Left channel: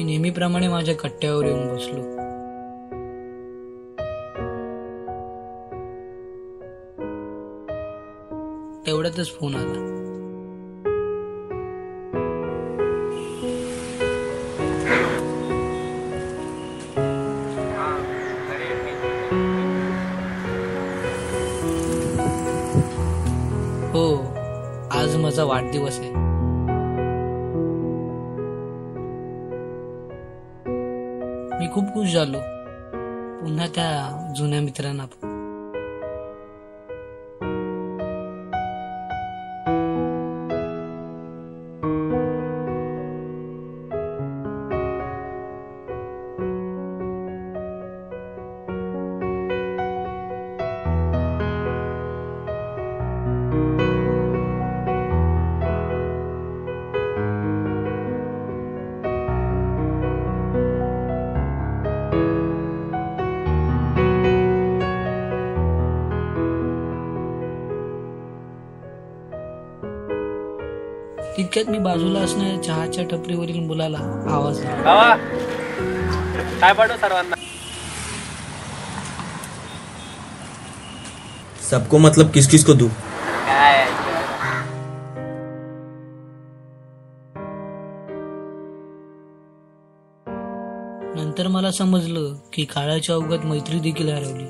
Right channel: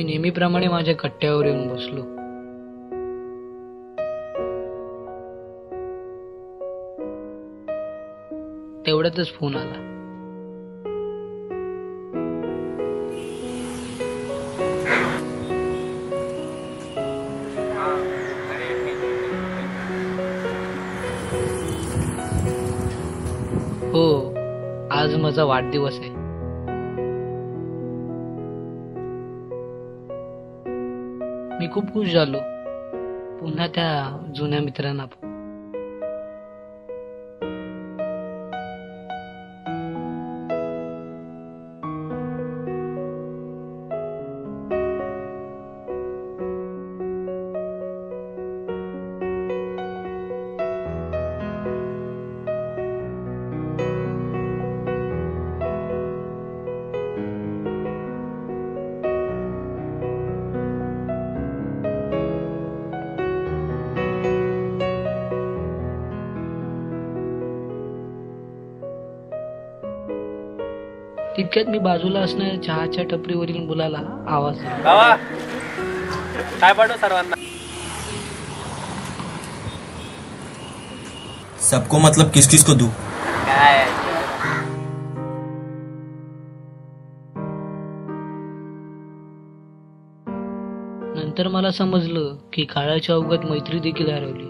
मी नेहमीप्रमाणे माझ्या कट्ट्यावर येऊन बसलो. तेवढ्यातच फोन आला. हो, आज माझा वाढदिवस आहे. मी खूप खुश झालो पुन्हा त्या जुन्या मित्रांना. तितक्यात मी बाजूला असणाऱ्या चहाच्या टपरीवरील मुलाला आवाज दिला. काय पाठव सर्वांना. सबको मतलब किस किस को दूं? काय नंतर मला समजलं की काळाच्या ओघात मैत्री देखील हरवली.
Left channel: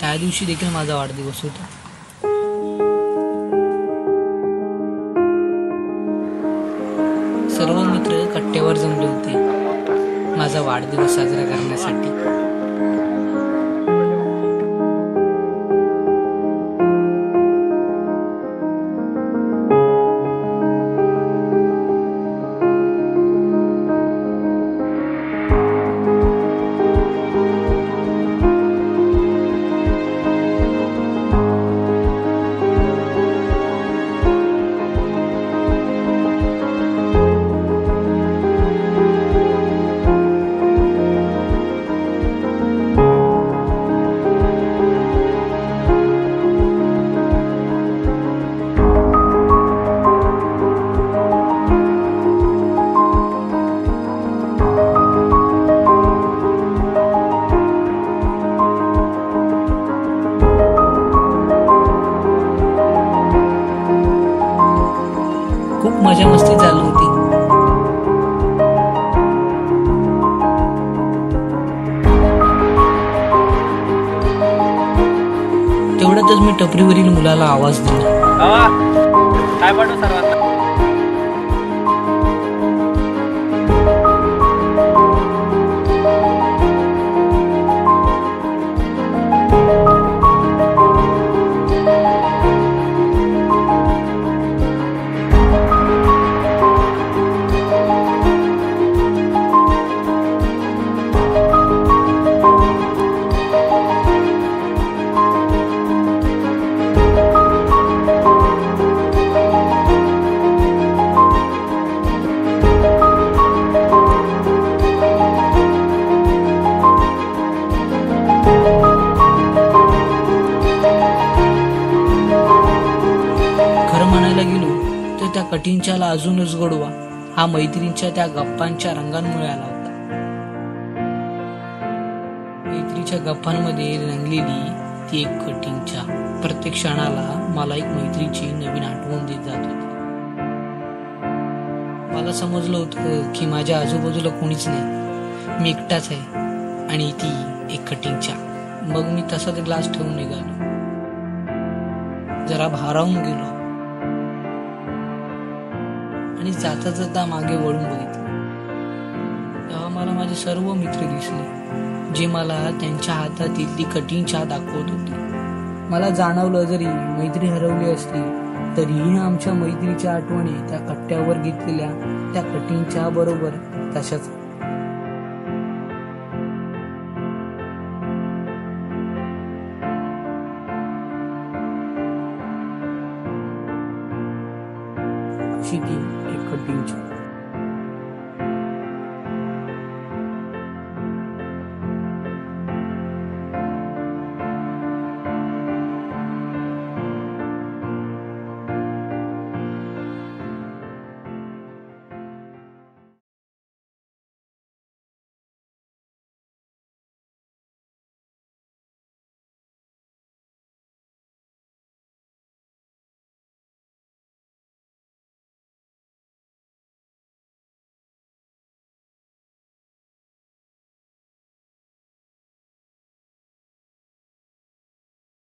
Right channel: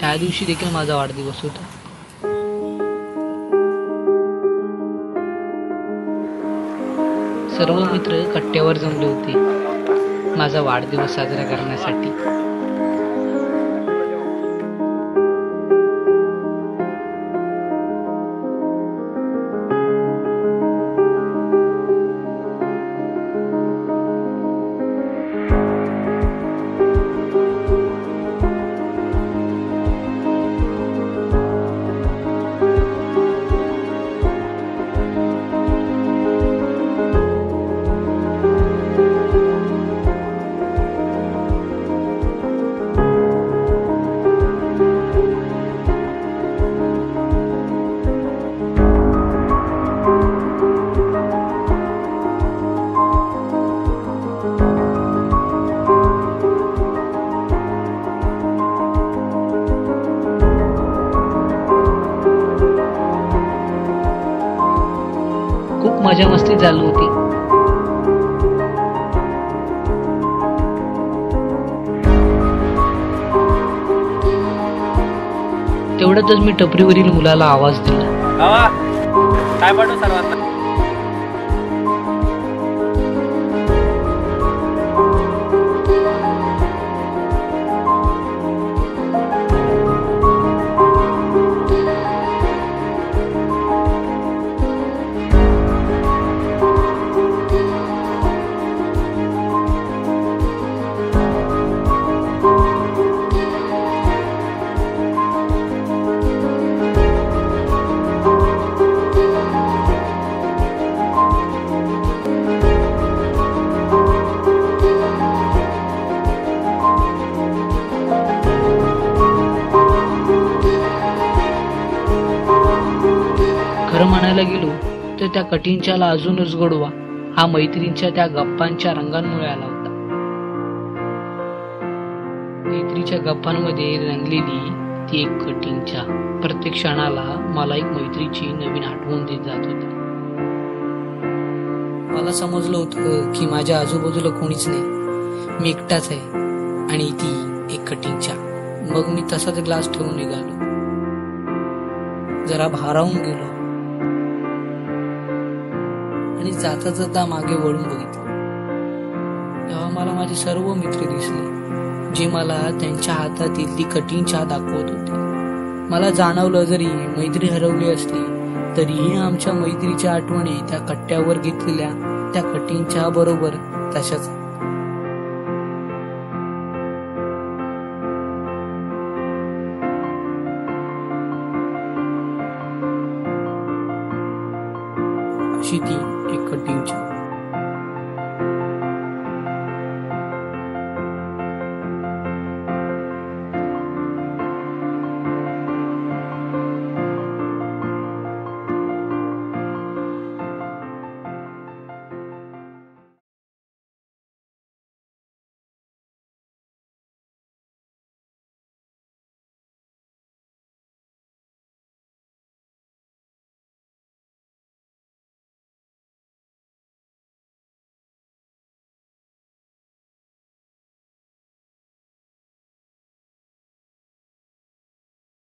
त्या दिवशी देखील माझा वाढदिवस होता. सर्व मित्र कट्ट्यावर जमले होते माझा वाढदिवस साजरा करण्यासाठी. टपरीवरील मुलाला आवाज दिला. काय पाठव सर्वांना. कटींच्याला अजूनच गोडवा हा मैत्रीच्या त्या गप्पांच्या रंगांमुळे आला होता. मैत्रीच्या गप्पांमध्ये रंगलेली ती एक कटींच्या प्रत्येक क्षणाला मला एक मैत्रीची नवीन आठवण देत जात होती. मला समजलं होतं की माझ्या आजूबाजूला कोणीच नाही, मी एकटाच आहे आणि ती एक कटींच्या. मग मी तसाच ग्लास ठेवून निघालो. जरा भारावून गेलो आणि जाता जाता मागे वळून बघितलं. तेव्हा मला माझे सर्व मित्र दिसले जे मला त्यांच्या हातातील ती कठीण चहा दाखवत होते. मला जाणवलं जरी मैत्री हरवली असली तरीही आमच्या मैत्रीच्या आठवणी त्या कट्ट्यावर घेतलेल्या त्या कठीण चहा बरोबर तशाच